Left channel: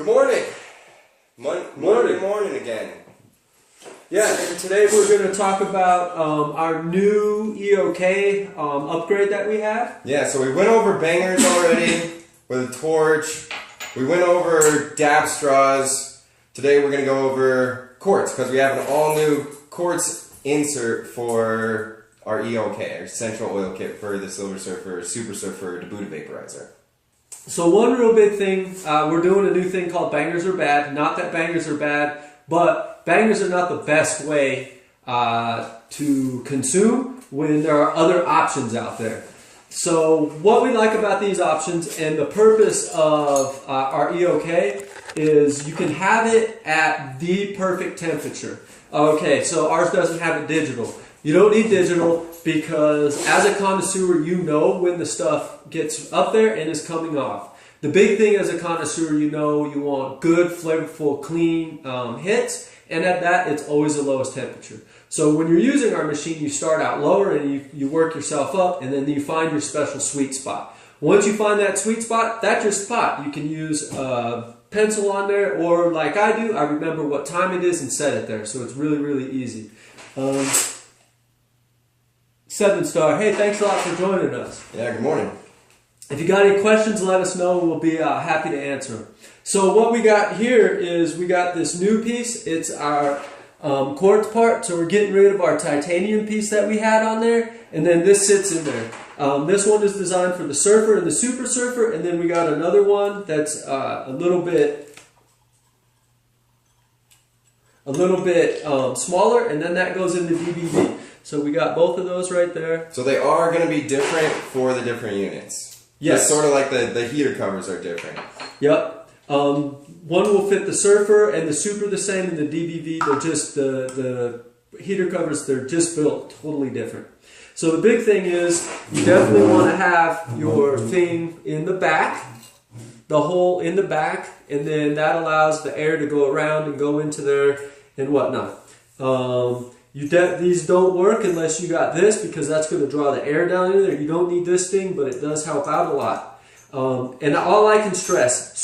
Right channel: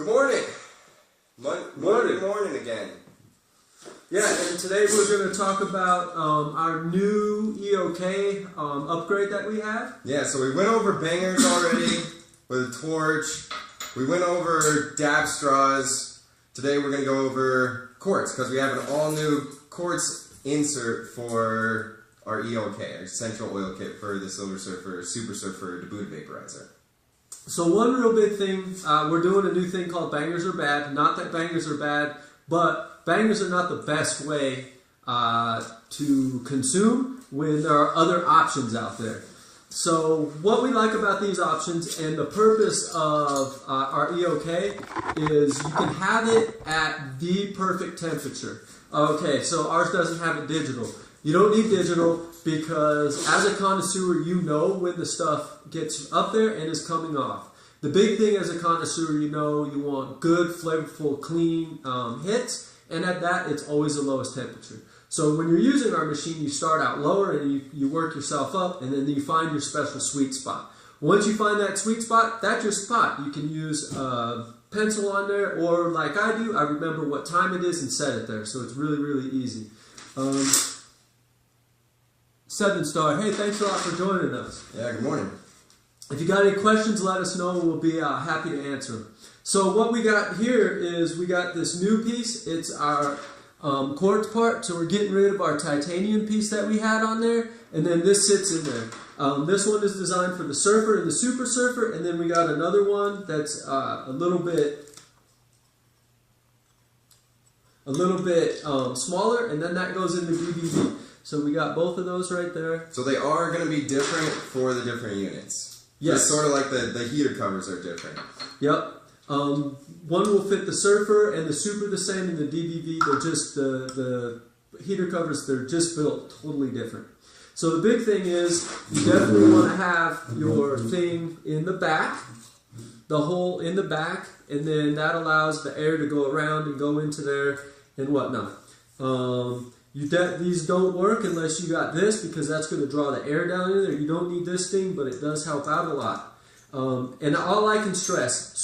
Good morning. Morning again. Yeah, and today we're going to talk about our new EOK upgrade that we have. Yeah, so we went over bangers already with a torch. We went over dab straws. Today we're going to go over quartz because we have an all-new quartz insert for our EOK, our central oil kit for the Silver Surfer, Super Surfer, Buddha Vaporizer. So one real big thing, we're doing a new thing called bangers are bad. Not that bangers are bad, but bangers are not the best way to consume when there are other options out there. So what we like about these options and the purpose of our EOK is you can have it at the perfect temperature. Okay, so ours doesn't have it digital. You don't need digital because as a connoisseur, you know when the stuff gets up there and is coming off. The big thing as a connoisseur, you know you want good, flavorful, clean hits, and at that, it's always the lowest temperature. So when you're using our machine, you start out lower and you work yourself up, and then you find your special sweet spot. Once you find that sweet spot, that's your spot. You can use a pencil on there, or like I do, I remember what time it is and set it there. So it's really, really easy. 7-star, hey, thanks a lot for joining us. Yeah, good morning. If you got any questions, let us know. We'll be happy to answer them. So what we got here is we got this new piece. It's our quartz part. So we're getting rid of our titanium piece that we had on there. And then this sits in there. This one is designed for the Surfer and the Super Surfer. And then we got another one that's a little bit smaller. And then that goes into DBV. So we got both of those right there. So they are going to be different for the different units. Yes. It's sort of like the heater covers are different. Yep. One will fit the Surfer and the Super the same, and the DBV, they're just the heater covers, they're just built totally different. So the big thing is you definitely want to have your thing in the back, the hole in the back, and then that allows the air to go around and go into there and whatnot. These don't work unless you got this because that's going to draw the air down in there. You don't need this thing, but it does help out a lot. And all I can stress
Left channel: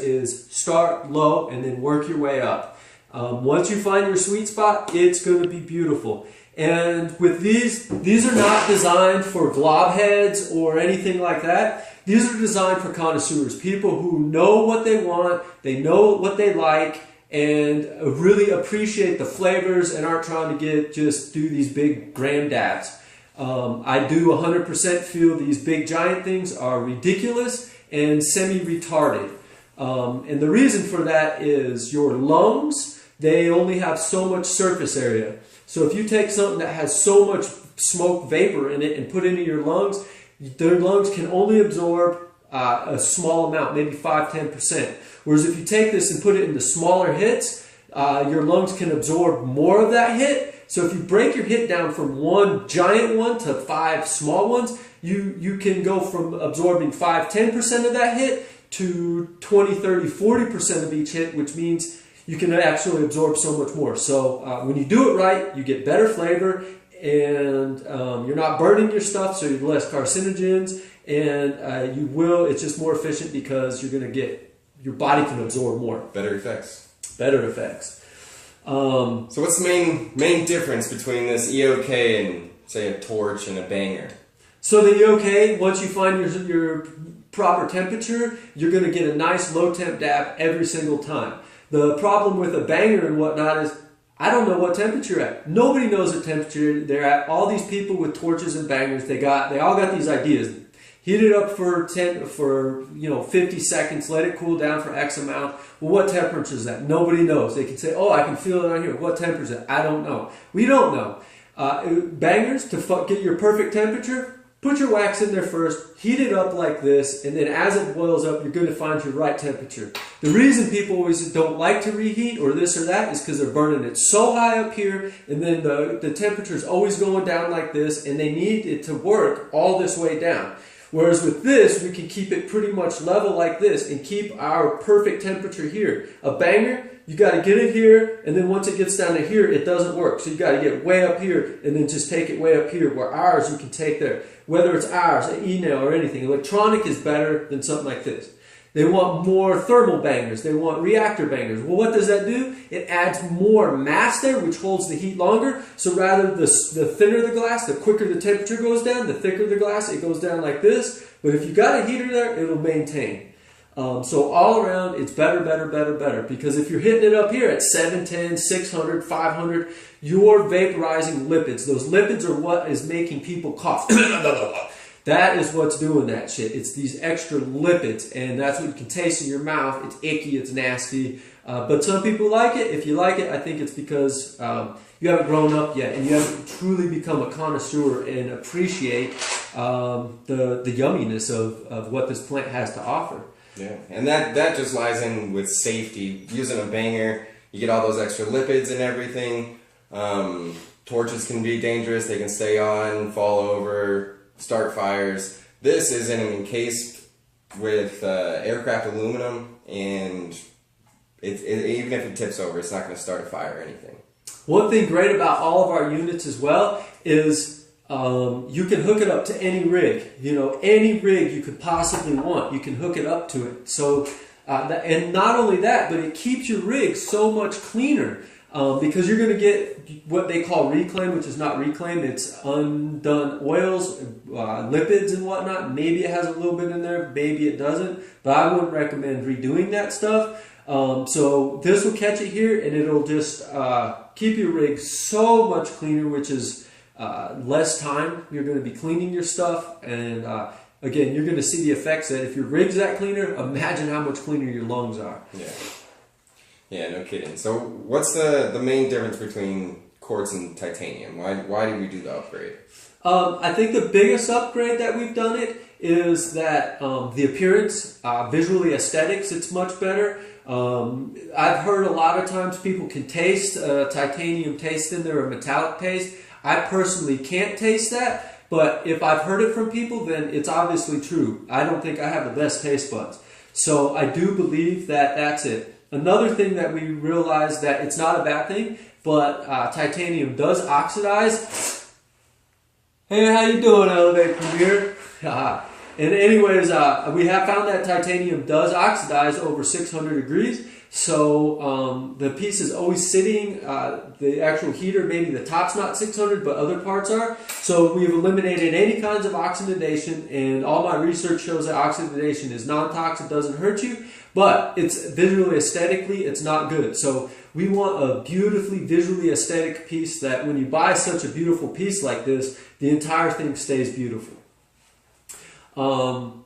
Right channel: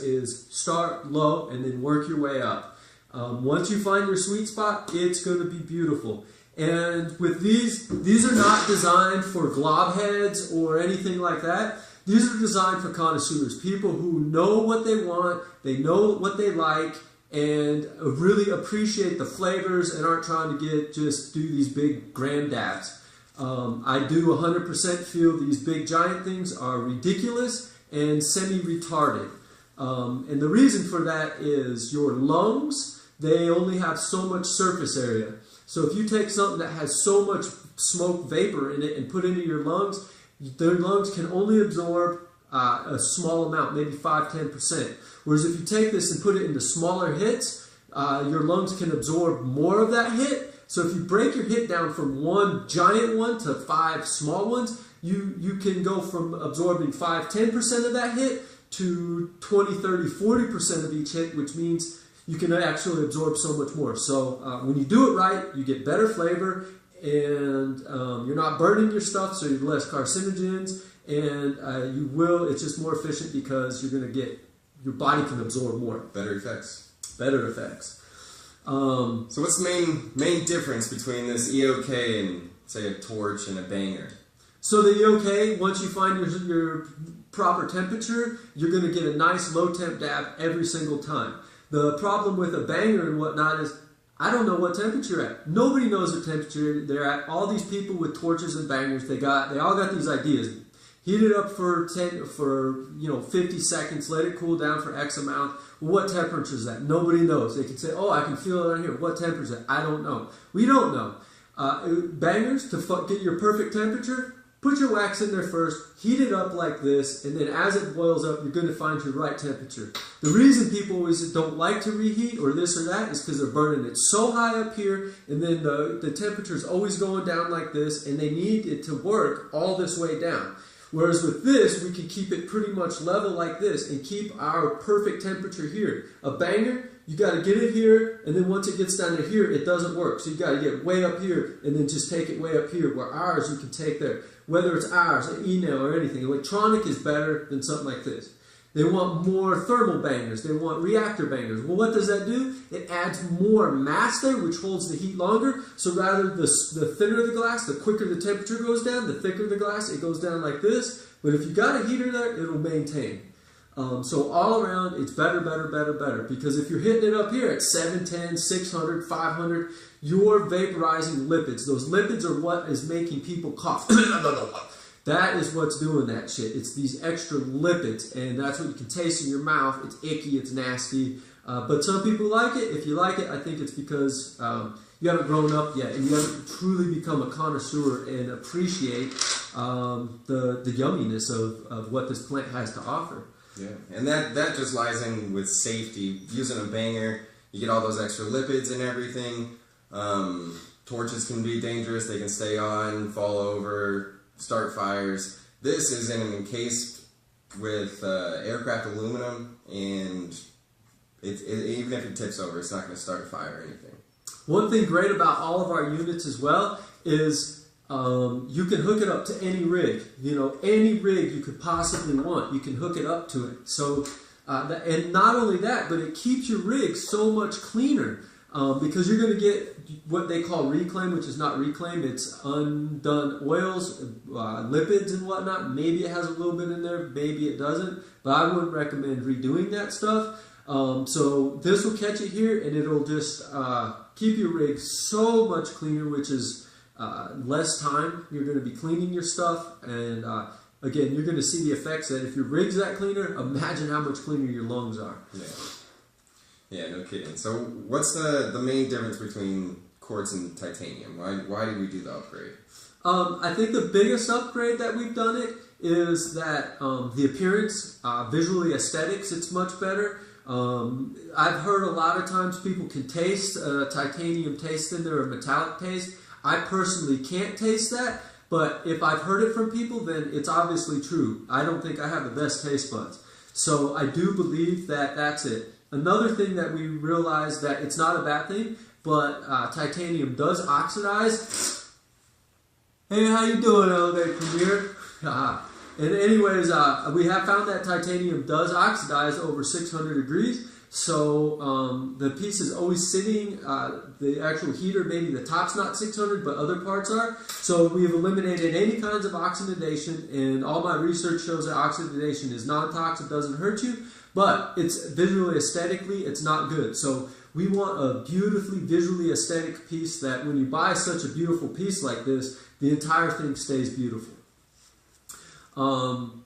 is start low and then work your way up. Once you find your sweet spot, it's going to be beautiful. And with these are not designed for glob heads or anything like that. These are designed for connoisseurs, people who know what they want, they know what they like, and really appreciate the flavors and aren't trying to just do these big grand dabs. I do 100% feel these big giant things are ridiculous and semi-retarded. And the reason for that is your lungs, they only have so much surface area. So if you take something that has so much smoke vapor in it and put it into your lungs, their lungs can only absorb a small amount, maybe 5–10%. Whereas if you take this and put it into smaller hits, your lungs can absorb more of that hit. So if you break your hit down from one giant one to 5 small ones, you can go from absorbing 5–10% of that hit to 20–30–40% of each hit, which means you can actually absorb so much more. So when you do it right, you get better flavor, and you're not burning your stuff, so you're less carcinogens, and it's just more efficient because you're going to get, your body can absorb more. Better effects. Better effects. So what's the main difference between this EOK and, say, a torch and a banger? So the EOK, once you find your proper temperature, you're going to get a nice low temp dab every single time. The problem with a banger and whatnot is I don't know what temperature you're at. Nobody knows what temperature they're at. All these people with torches and bangers, they all got these ideas. Heat it up for 50 seconds, let it cool down for X amount. Well, what temperature is that? Nobody knows. They can say, oh, I can feel it on here. What temperature is that? I don't know. We don't know. Bangers, to get your perfect temperature, put your wax in there first, heat it up like this, and then as it boils up, you're going to find your right temperature. The reason people always don't like to reheat or this or that is because they're burning it so high up here, and then the temperature is always going down like this, and they need it to work all this way down. Whereas with this, we can keep it pretty much level like this and keep our perfect temperature here. A banger, you got to get it here, and then once it gets down to here, it doesn't work. So you got to get way up here and then just take it way up here, where ours you can take there. Whether it's ours, an e-nail or anything. Electronic is better than something like this. They want more thermal bangers. They want reactor bangers. Well, what does that do? It adds more mass there, which holds the heat longer. So rather the thinner the glass, the quicker the temperature goes down. The thicker the glass, it goes down like this. But if you got a heater there, it'll maintain. So all around, it's better, better, better, better. Because if you're hitting it up here at 710, 600, 500, you're vaporizing lipids. Those lipids are what is making people cough. That is what's doing that shit. It's these extra lipids, and that's what you can taste in your mouth. It's icky, it's nasty. But some people like it. If you like it, I think it's because you haven't grown up yet, and you haven't truly become a connoisseur and appreciate the yumminess of what this plant has to offer. Yeah, and that just lies in with safety. Using a banger, you get all those extra lipids and everything. Torches can be dangerous. They can stay on, fall over, start fires. This is encased with aircraft aluminum, and even if it tips over, it's not going to start a fire or anything. One thing great about all of our units as well is you can hook it up to any rig. You know, any rig you could possibly want, you can hook it up to it. So, and not only that, but it keeps your rig so much cleaner. Because you're going to get what they call reclaim, which is not reclaim, it's undone oils, lipids and whatnot. Maybe it has a little bit in there, maybe it doesn't, but I wouldn't recommend redoing that stuff. So this will catch it here, and it'll just keep your rig so much cleaner, which is less time you're going to be cleaning your stuff. And again, you're going to see the effects that if your rig's that cleaner, imagine how much cleaner your lungs are. Yeah. Yeah, no kidding. So what's the main difference between quartz and titanium? Why did we do the upgrade? I think the biggest upgrade that we've done it is that the appearance, visually aesthetics, it's much better. I've heard a lot of times people can taste titanium taste in there, a metallic taste. I personally can't taste that, but if I've heard it from people, then it's obviously true. I don't think I have the best taste buds. So I do believe that that's it. Another thing that we realized that it's not a bad thing, but titanium does oxidize. Hey, how you doing, Elev8 Premier? And anyways, we have found that titanium does oxidize over 600 degrees. So the piece is always sitting, the actual heater, maybe the top's not 600, but other parts are. So we've eliminated any kinds of oxidation, and all my research shows that oxidation is non-toxic, doesn't hurt you. But it's visually, aesthetically, it's not good. So we want a beautifully, visually aesthetic piece that when you buy such a beautiful piece like this, the entire thing stays beautiful. And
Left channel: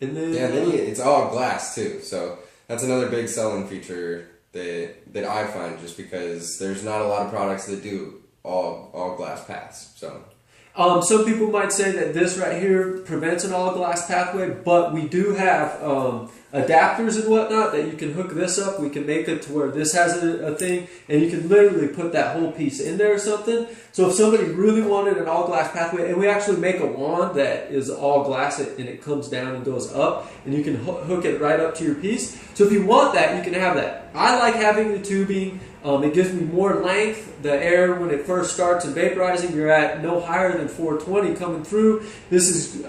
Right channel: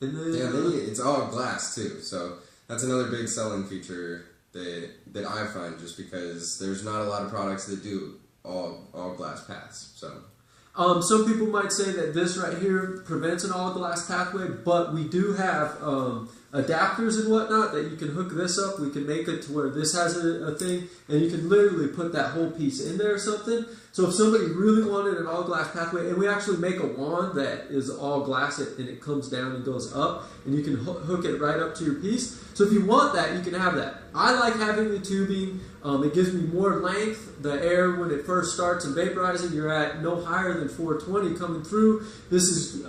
then, it's all glass too. So that's another big selling feature that I find, just because there's not a lot of products that do all glass paths. So. Some people might say that this right here prevents an all glass pathway, but we do have adapters and whatnot that you can hook this up. We can make it to where this has a thing, and you can literally put that whole piece in there or something. So if somebody really wanted an all glass pathway, and we actually make a wand that is all glass and it comes down and goes up, and you can hook it right up to your piece. So if you want that, you can have that. I like having the tubing. It gives me more length. The air, when it first starts and vaporizing, you're at no higher than 420 coming through. This is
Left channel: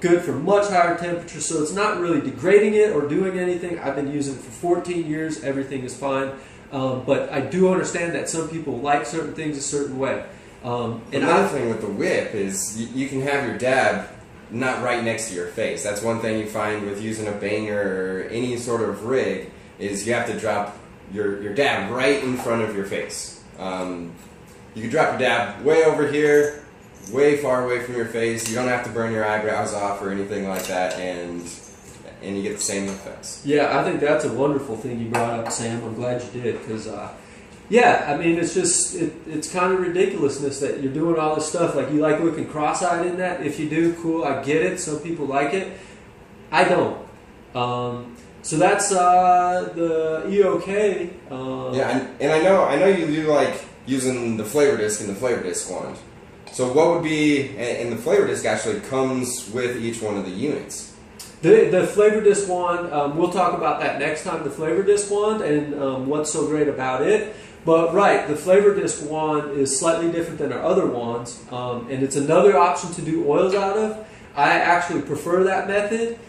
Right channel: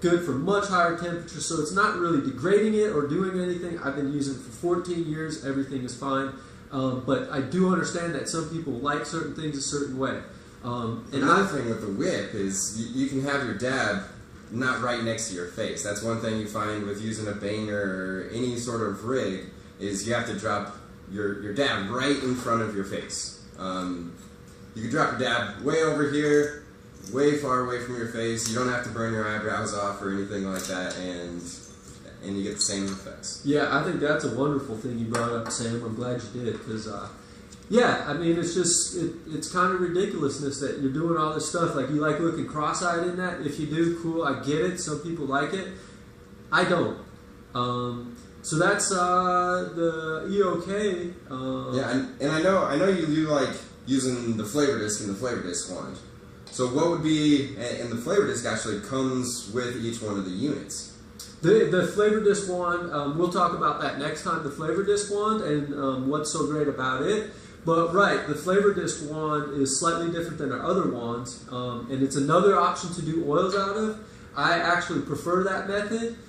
good for much higher temperatures, so it's not really degrading it or doing anything. I've been using it for 14 years. Everything is fine. But I do understand that some people like certain things a certain way. Another thing with the whip is you can have your dab not right next to your face. That's one thing you find with using a banger or any sort of rig, is you have to drop your dab right in front of your face. You can drop your dab way over here, way far away from your face. You don't have to burn your eyebrows off or anything like that, and you get the same effects. Yeah, I think that's a wonderful thing you brought up, Sam. I'm glad you did, because yeah, I mean, it's just it's kind of ridiculousness that you're doing all this stuff. Like, you like looking cross-eyed in that. If you do, cool, I get it. Some people like it. I don't. So that's the EOK. Yeah, and I know you do like using the flavor disc and the flavor disc wand. So what would be, and the flavor disc actually comes with each one of the units. The flavor disc wand, we'll talk about that next time, the flavor disc wand and what's so great about it. But right, the flavor disc wand is slightly different than our other wands, and it's another option to do oils out of. I actually prefer that method.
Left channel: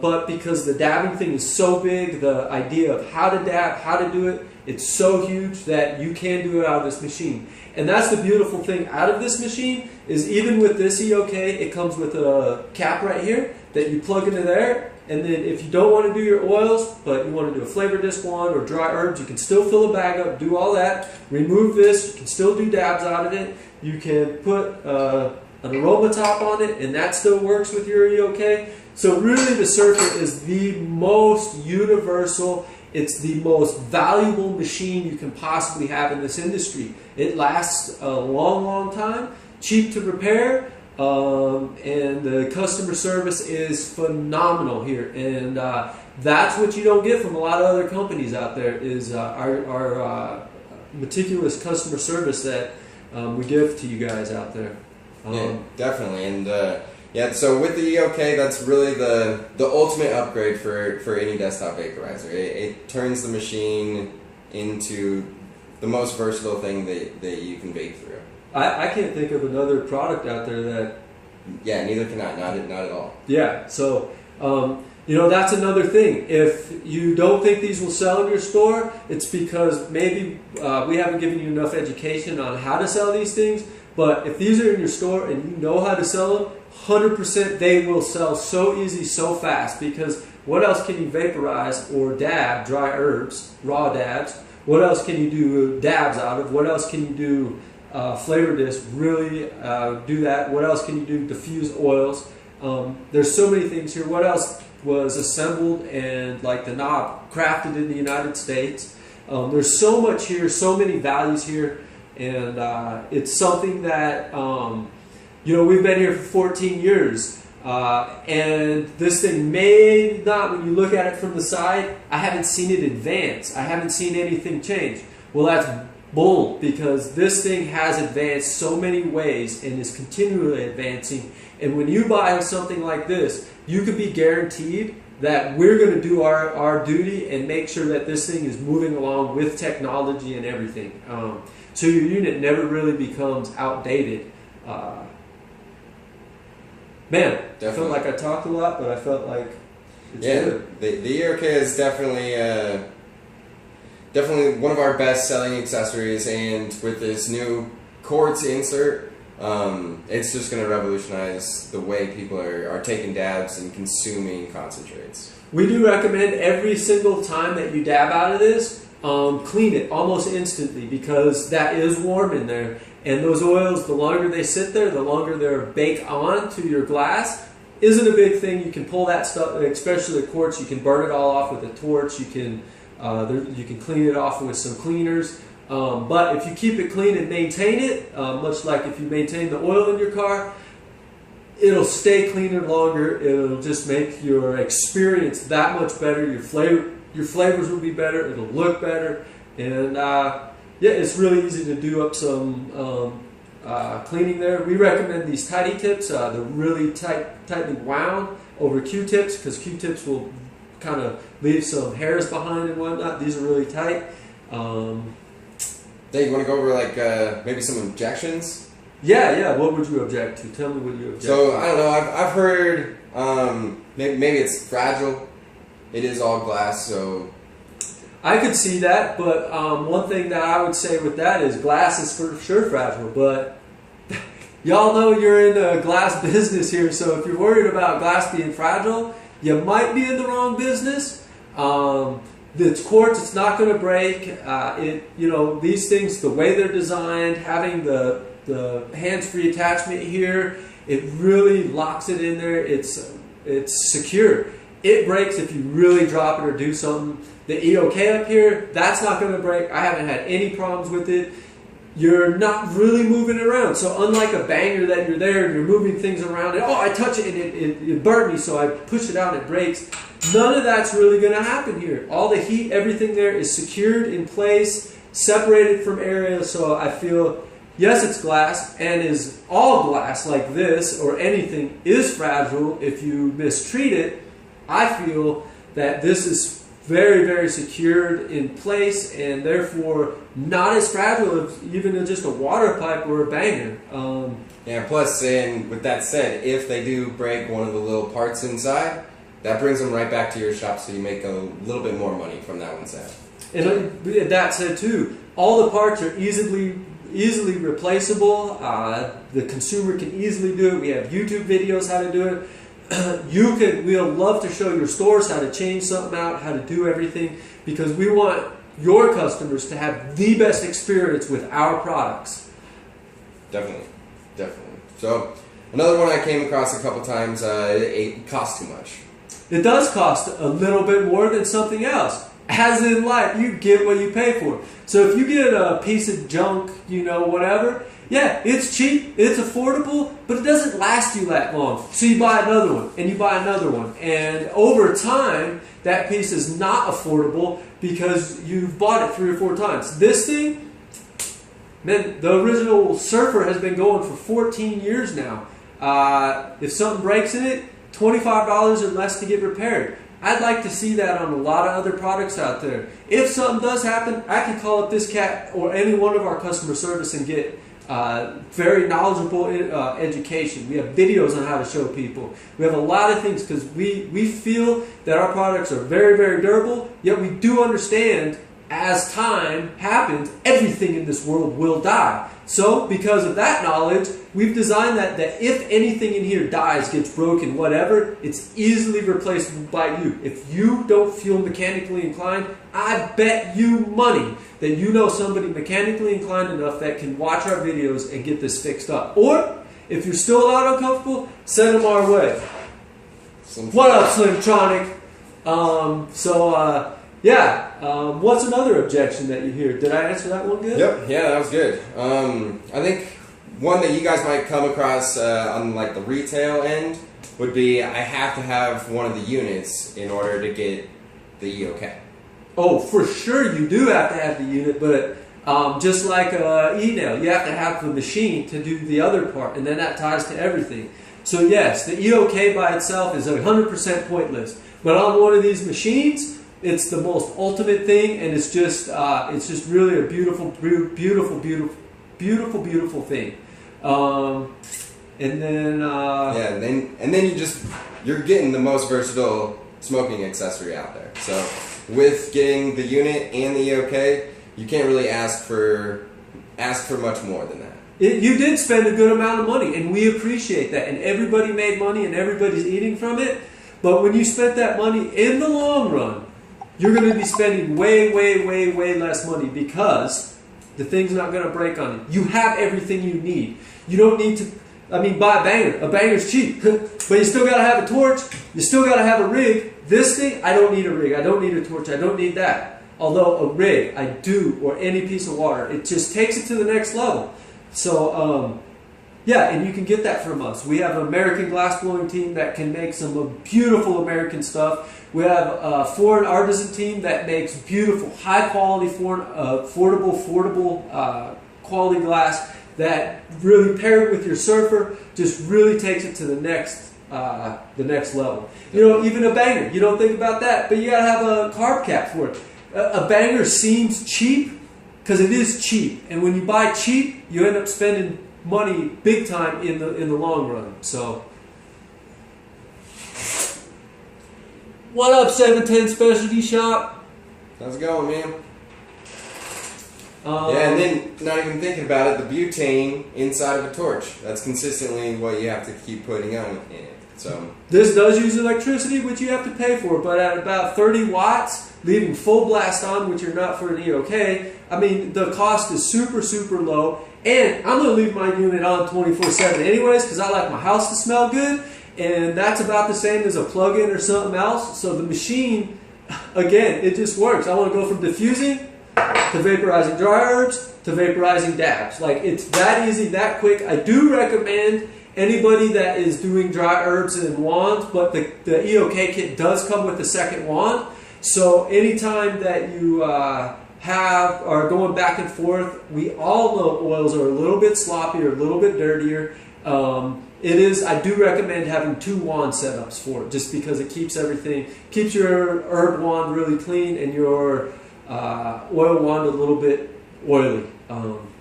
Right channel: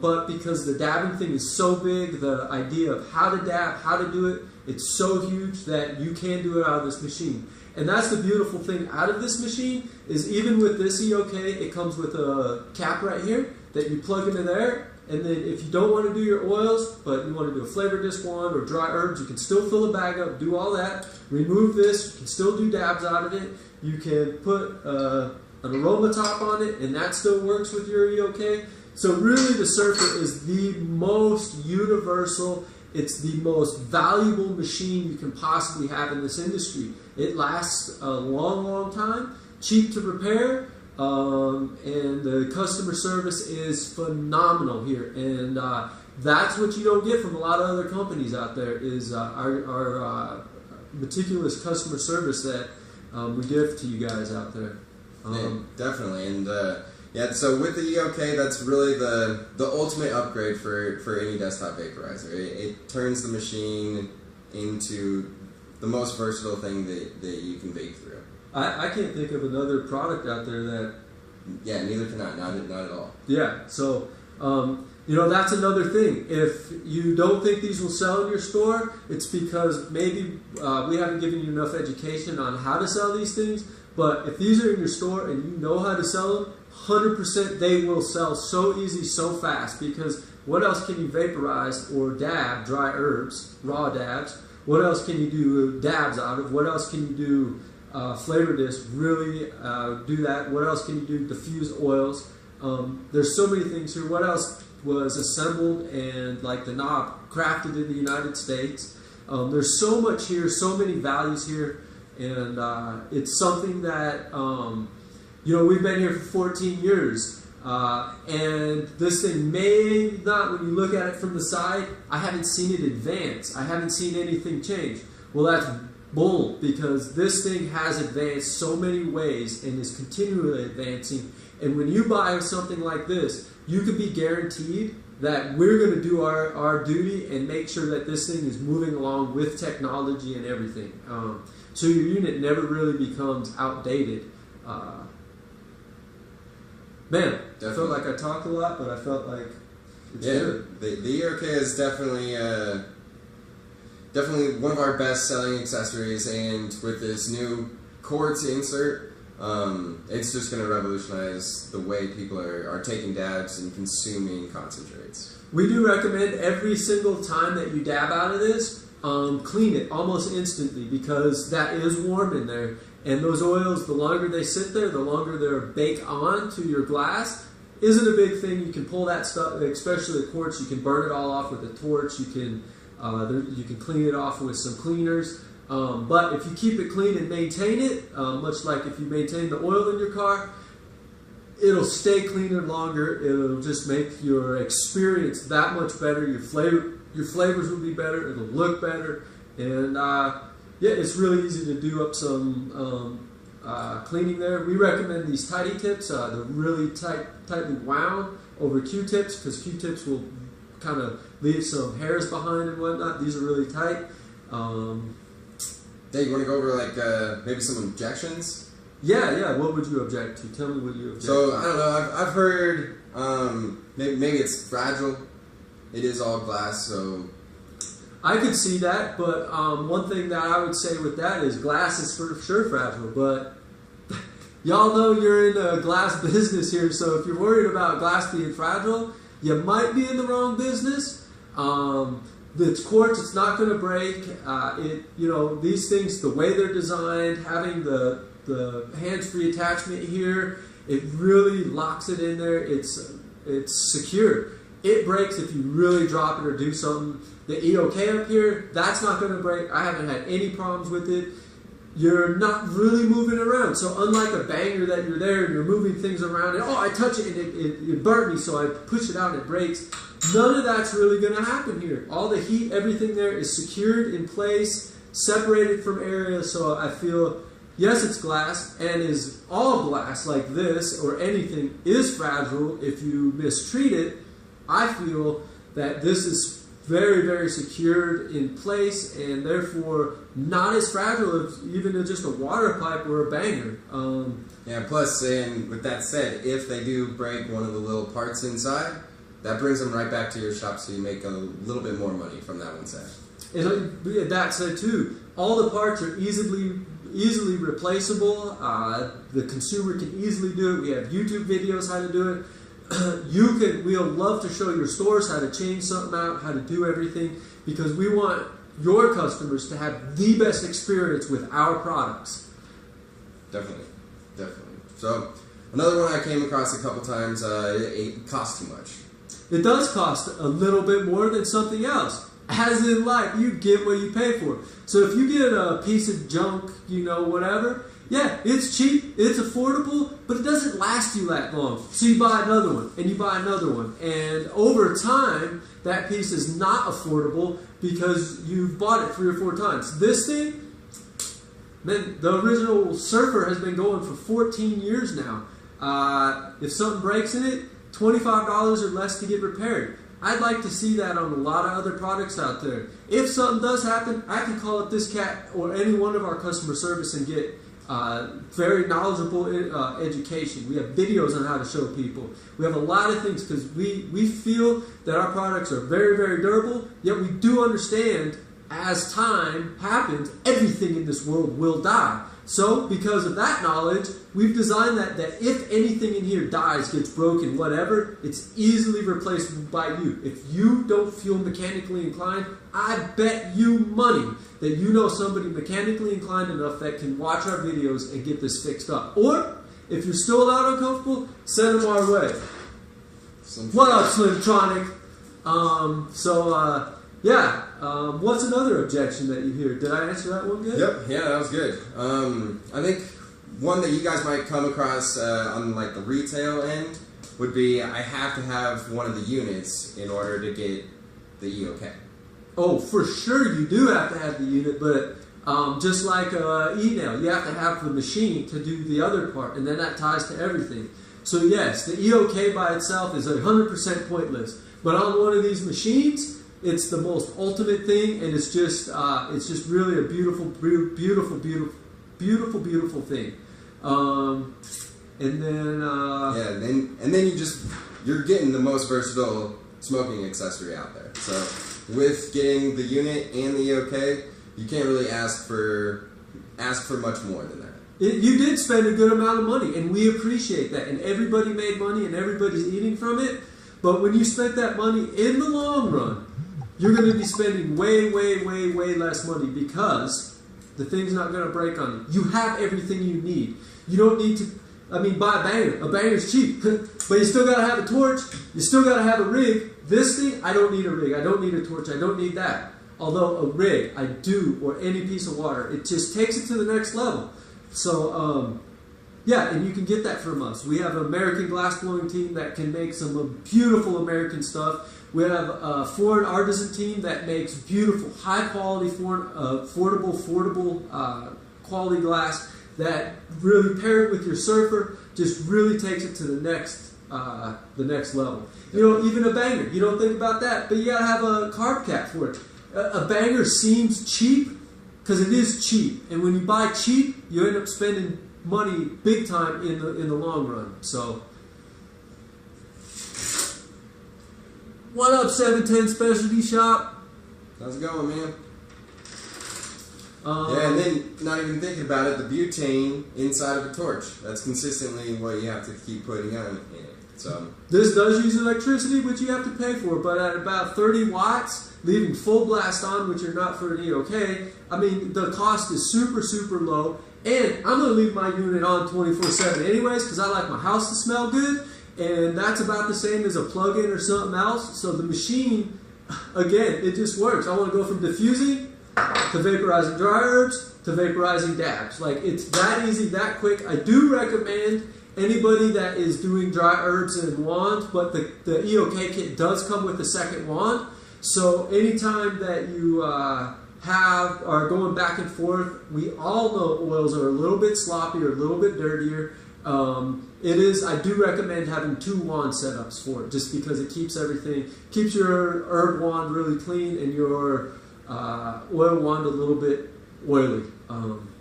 but because the dabbing thing is so big, the idea of how to dab, how to do it, it's so huge that you can do it out of this machine. And that's the beautiful thing out of this machine is even with this EOK, it comes with a cap right here that you plug into there. And then if you don't want to do your oils, but you want to do a flavor disc one or dry herbs, you can still fill a bag up, do all that, remove this, you can still do dabs out of it. You can put an aroma top on it, and that still works with your EOK. So really the Surfer is the most universal, it's the most valuable machine you can possibly have in this industry. It lasts a long, long time, cheap to repair, and the customer service is phenomenal here. And that's what you don't get from a lot of other companies out there is our meticulous customer service that we give to you guys out there. Yeah, definitely. And yeah, so with the EOK, that's really the ultimate upgrade for any desktop vaporizer. It turns the machine into the most versatile thing that you can vape through. I can't think of another product out there that... Yeah, neither can I. Not at all. Yeah, so, you know, that's another thing. If you don't think these will sell in your store, it's because maybe we haven't given you enough education on how to sell these things. But if these are in your store and you know how to sell them, 100% they will sell so easy, so fast. Because what else can you vaporize or dab, dry herbs, raw dabs? What else can you do dabs out of? What else can you do flavor disc, really do that? What else can you do? Diffuse oils. There's so many things here. What else was assembled and like the knob crafted in the United States? There's so much here, so many values here. And it's something that, you know, we've been here for 14 years. And this thing may not, when you look at it from the side, I haven't seen it advance. I haven't seen anything change. Well, that's bull, because this thing has advanced so many ways and is continually advancing. And when you buy something like this, you can be guaranteed that we're going to do our duty and make sure that this thing is moving along with technology and everything. So your unit never really becomes outdated. Man, definitely. I felt like I talked a lot, but I felt like it's good. The EOK is definitely one of our best selling accessories, and with this new quartz insert, it's just going to revolutionize the way people are taking dabs and consuming concentrates. We do recommend every single time that you dab out of this, clean it almost instantly, because that is warm in there. And those oils, the longer they sit there, the longer they're baked on to your glass. Isn't a big thing. You can pull that stuff, especially the quartz, you can burn it all off with a torch. You can clean it off with some cleaners. But if you keep it clean and maintain it, much like if you maintain the oil in your car, it'll stay cleaner longer. It'll just make your experience that much better. Your flavors will be better. It'll look better. And yeah, it's really easy to do up some cleaning there. We recommend these tidy tips. They're really tightly wound over Q-tips, because Q-tips will kind of leave some hairs behind and whatnot. These are really tight. Yeah, you want to go over like maybe some objections? Yeah. What would you object to? Tell me what you object to. So I don't know. I've heard maybe it's fragile. It is all glass, so. I could see that, but one thing that I would say with that is glass is for sure fragile, but y'all know you're in a glass business here, so if you're worried about glass being fragile, you might be in the wrong business. It's quartz, it's not going to break. You know, these things, the way they're designed, having the hands-free attachment here, it really locks it in there. It's secure. It breaks if you really drop it or do something. The EOK up here, that's not going to break. I haven't had any problems with it. You're not really moving it around. So unlike a banger that you're there and you're moving things around, and oh, I touch it and it burned me, so I push it out and it breaks. None of that's really going to happen here. All the heat, everything there is secured in place, separated from areas. So I feel, yes, it's glass, and is all glass like this or anything is fragile if you mistreat it. I feel that this is very, very secured in place, and therefore not as fragile as even just a water pipe or a banger. Yeah, plus, and with that said, if they do break one of the little parts inside, that brings them right back to your shop, so you make a little bit more money from that one set. And that said too, all the parts are easily replaceable. The consumer can easily do it. We have YouTube videos how to do it. We'll love to show your stores how to change something out, how to do everything, because we want your customers to have the best experience with our products. Definitely. So another one I came across a couple times, it costs too much. It does cost a little bit more than something else. As in life, you get what you pay for. So if you get a piece of junk, whatever, yeah, it's cheap, it's affordable, but it doesn't last you that long. So you buy another one, and you buy another one. And over time, that piece is not affordable because you've bought it 3 or 4 times. This thing, man, the original Surfer has been going for 14 years now. If something breaks in it, $25 or less to get repaired. I'd like to see that on a lot of other products out there. If something does happen, I can call up this cat or any one of our customer service and get very knowledgeable education. We have videos on how to show people. We have a lot of things because we feel that our products are very, very durable, yet we do understand as time happens, everything in this world will die. So because of that knowledge, we've designed that if anything in here dies, gets broken, whatever, it's easily replaceable by you. If you don't feel mechanically inclined, I bet you money that you know somebody mechanically inclined enough that can watch our videos and get this fixed up. Or, if you're still not uncomfortable, send them our way. What up, Slimtronic? What's another objection that you hear? Did I answer that one good? Yep, yeah, that was good. I think one that you guys might come across on like the retail end would be I have to have one of the units in order to get the EOK. Oh, for sure you do have to have the unit, but just like e-nail, you have to have the machine to do the other part, and then that ties to everything. So yes, the EOK by itself is 100% pointless, but on one of these machines, it's the most ultimate thing, and it's just really a beautiful thing. And then you're getting the most versatile smoking accessory out there. So with getting the unit and the EOK, you can't really ask for much more than that. You did spend a good amount of money, and we appreciate that. And everybody made money, and everybody's eating from it. But when you spent that money in the long run, you're going to be spending way, way, way, way less money because the thing's not going to break on you. You have everything you need. You don't need to, buy a banger. A banger's cheap, but you still got to have a torch. You still got to have a rig. This thing, I don't need a rig. I don't need a torch. I don't need that. Although a rig, I do, or any piece of water. It just takes it to the next level. So, and you can get that from us. We have an American glass blowing team that can make some beautiful American stuff. We have a foreign artisan team that makes beautiful, high quality, affordable quality glass that really paired with your Surfer just really takes it to the next level. Even a banger, you don't think about that, but you gotta have a carb cap for it. A banger seems cheap because it is cheap, and when you buy cheap, you end up spending money big time in the long run. So. What up, 710 Specialty Shop? How's it going, man? And then, not even thinking about it, the butane inside of a torch. That's consistently what you have to keep putting on in it. So this does use electricity, which you have to pay for, but at about 30 watts, leaving full blast on, which you're not for an EOK, the cost is super, super low. And I'm going to leave my unit on 24/7 anyways, because I like my house to smell good. And that's about the same as a plug-in or something else. So the machine, again, it just works. I want to go from diffusing to vaporizing dry herbs to vaporizing dabs. Like, it's that easy, that quick. I do recommend anybody that is doing dry herbs and wands, but the EOK kit does come with a second wand. So anytime that you are going back and forth, we all know oils are a little bit sloppier, a little bit dirtier. I do recommend having 2 wand setups for it, just because it keeps your herb wand really clean and your oil wand a little bit oily.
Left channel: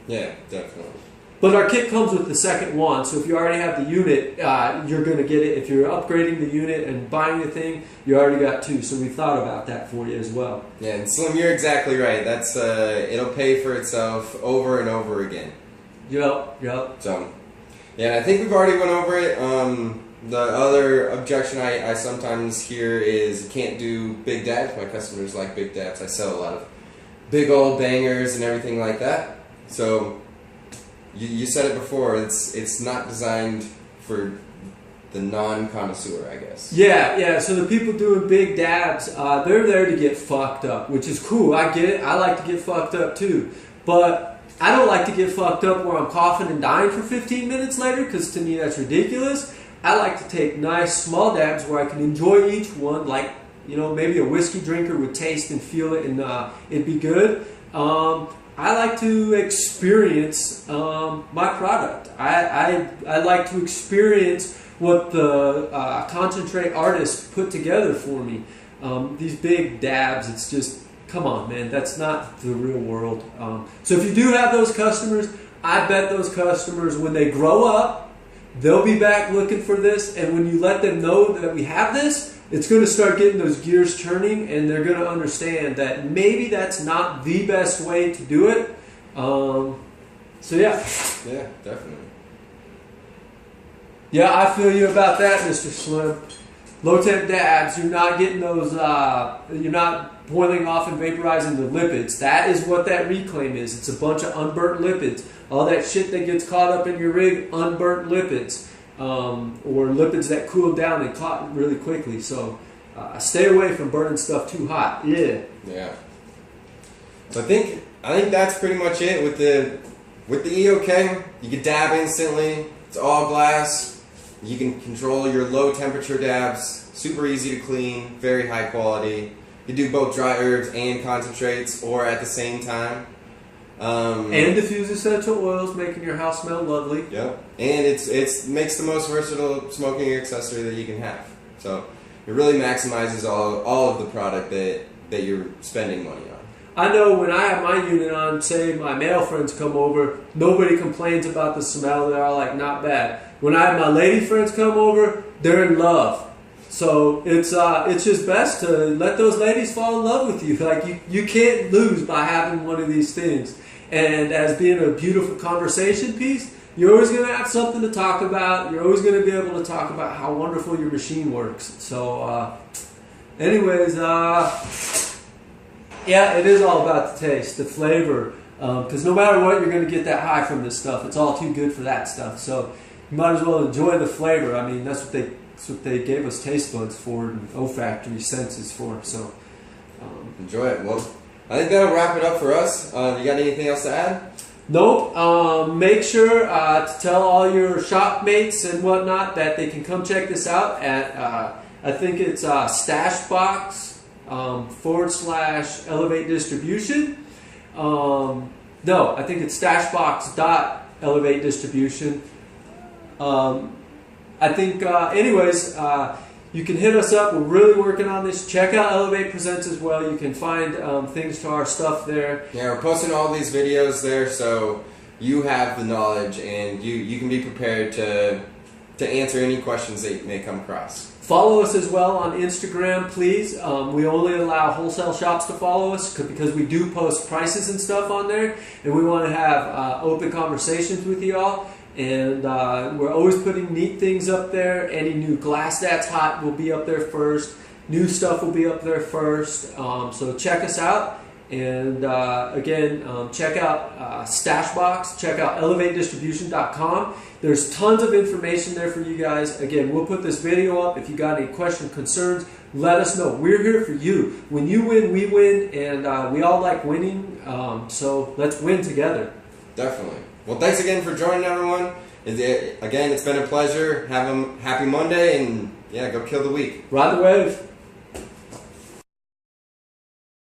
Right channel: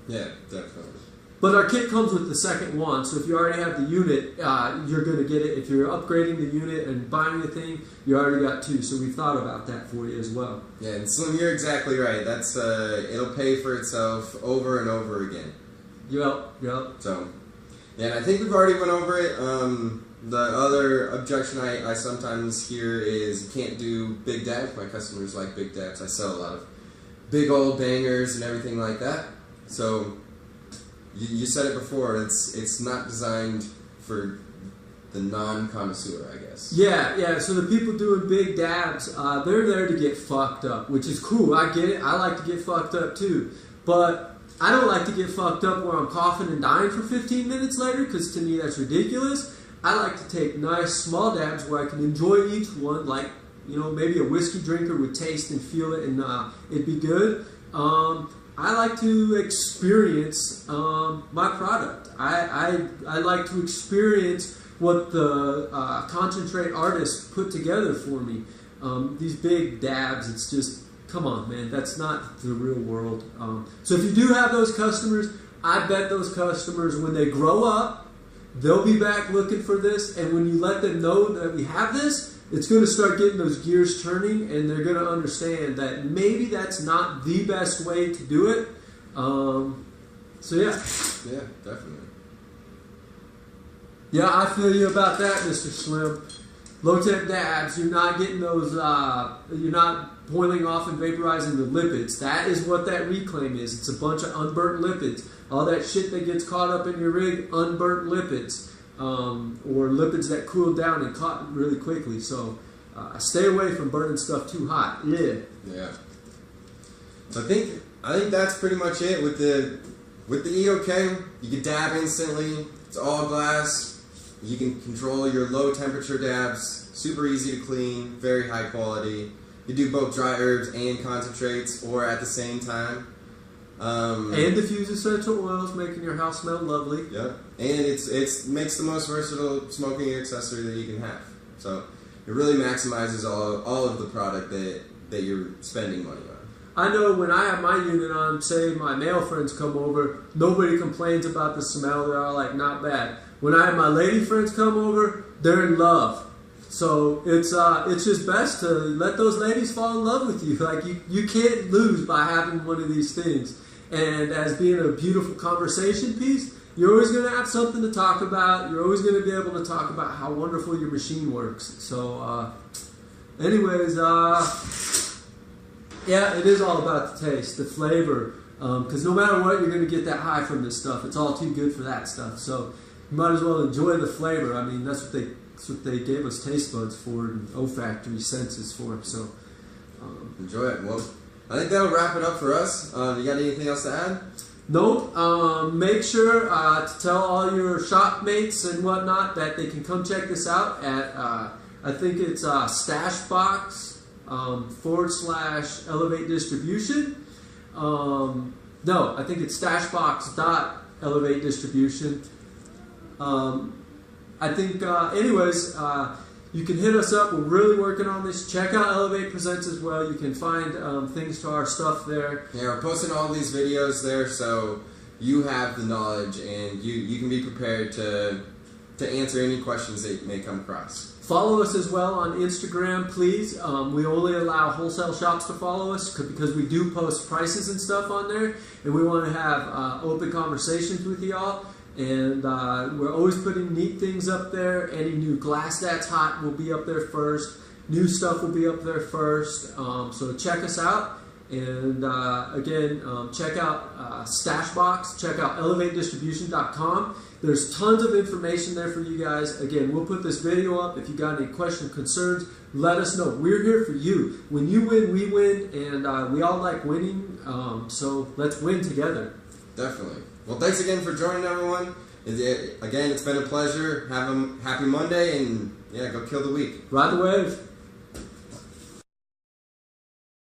Yeah, definitely. But our kit comes with the second one, so if you already have the unit, you're going to get it. If you're upgrading the unit and buying the thing, you already got 2. So we thought about that for you as well. Yeah, and Slim, you're exactly right. That's it'll pay for itself over and over again. Yep. So, yeah, and I think we've already went over it. The other objection I sometimes hear is you can't do big dabs. My customers like big dabs. I sell a lot of big old bangers and everything like that. So you said it before. It's not designed for the non-connoisseur, I guess. Yeah. So the people doing big dabs, they're there to get fucked up, which is cool. I get it. I like to get fucked up too, but I don't like to get fucked up where I'm coughing and dying for 15 minutes later, because to me that's ridiculous. I like to take nice small dabs where I can enjoy each one, like, you know, maybe a whiskey drinker would taste and feel it, and it'd be good. I like to experience my product. I like to experience what the concentrate artists put together for me. These big dabs, it's just, come on, man, that's not the real world. So if you do have those customers, I bet those customers, when they grow up, they'll be back looking for this, and when you let them know that we have this, it's going to start getting those gears turning, and they're going to understand that maybe that's not the best way to do it. So yeah. Yeah, definitely. Yeah, I feel you about that, Mr. Slim. Low temp dabs, you're not getting those, you're not boiling off and vaporizing the lipids. That is what that reclaim is. It's a bunch of unburnt lipids. All that shit that gets caught up in your rig, unburnt lipids, or lipids that cool down and caught really quickly. So stay away from burning stuff too hot. Yeah. So I think that's pretty much it with the EOK. You can dab instantly. It's all glass. You can control your low temperature dabs. Super easy to clean. Very high quality. You do both dry herbs and concentrates, or at the same time. And diffuse essential oils, making your house smell lovely. Yep. And it's makes the most versatile smoking accessory that you can have. So it really maximizes all of the product that you're spending money on. I know when I have my unit on, say my male friends come over, nobody complains about the smell. They're all like, not bad. When I have my lady friends come over, they're in love. So it's just best to let those ladies fall in love with you. Like you can't lose by having one of these things. And as being a beautiful conversation piece, you're always going to have something to talk about. You're always going to be able to talk about how wonderful your machine works. So anyways, yeah, it is all about the taste, the flavor. Because no matter what, you're going to get that high from this stuff. It's all too good for that stuff. So you might as well enjoy the flavor. I mean, that's what they gave us taste buds for and olfactory senses for. So enjoy it. Well, I think that'll wrap it up for us. You got anything else to add? Nope. Make sure to tell all your shop mates and whatnot that they can come check this out at, I think it's Stashbox / Elev8 Distribution. No, I think it's Stashbox.Elev8 Distribution. I think, anyways, you can hit us up. We're really working on this. Check out Elev8 Presents as well. You can find things to our stuff there. Yeah, we're posting all these videos there, so you have the knowledge and you can be prepared to answer any questions that may come across. Follow us as well on Instagram, please. We only allow wholesale shops to follow us because we do post prices and stuff on there, and we want to have open conversations with you all. And we're always putting neat things up there. Any new glass that's hot will be up there first. New stuff will be up there first. So check us out. And again, check out Stashbox. Check out Elev8Distribution.com. There's tons of information there for you guys. Again, we'll put this video up. If you got any questions, concerns, let us know. We're here for you. When you win, we win. And we all like winning. So let's win together. Definitely. Well, thanks again for joining, everyone. Again, it's been a pleasure. Have a happy Monday, and yeah, go kill the week. Ride the wave.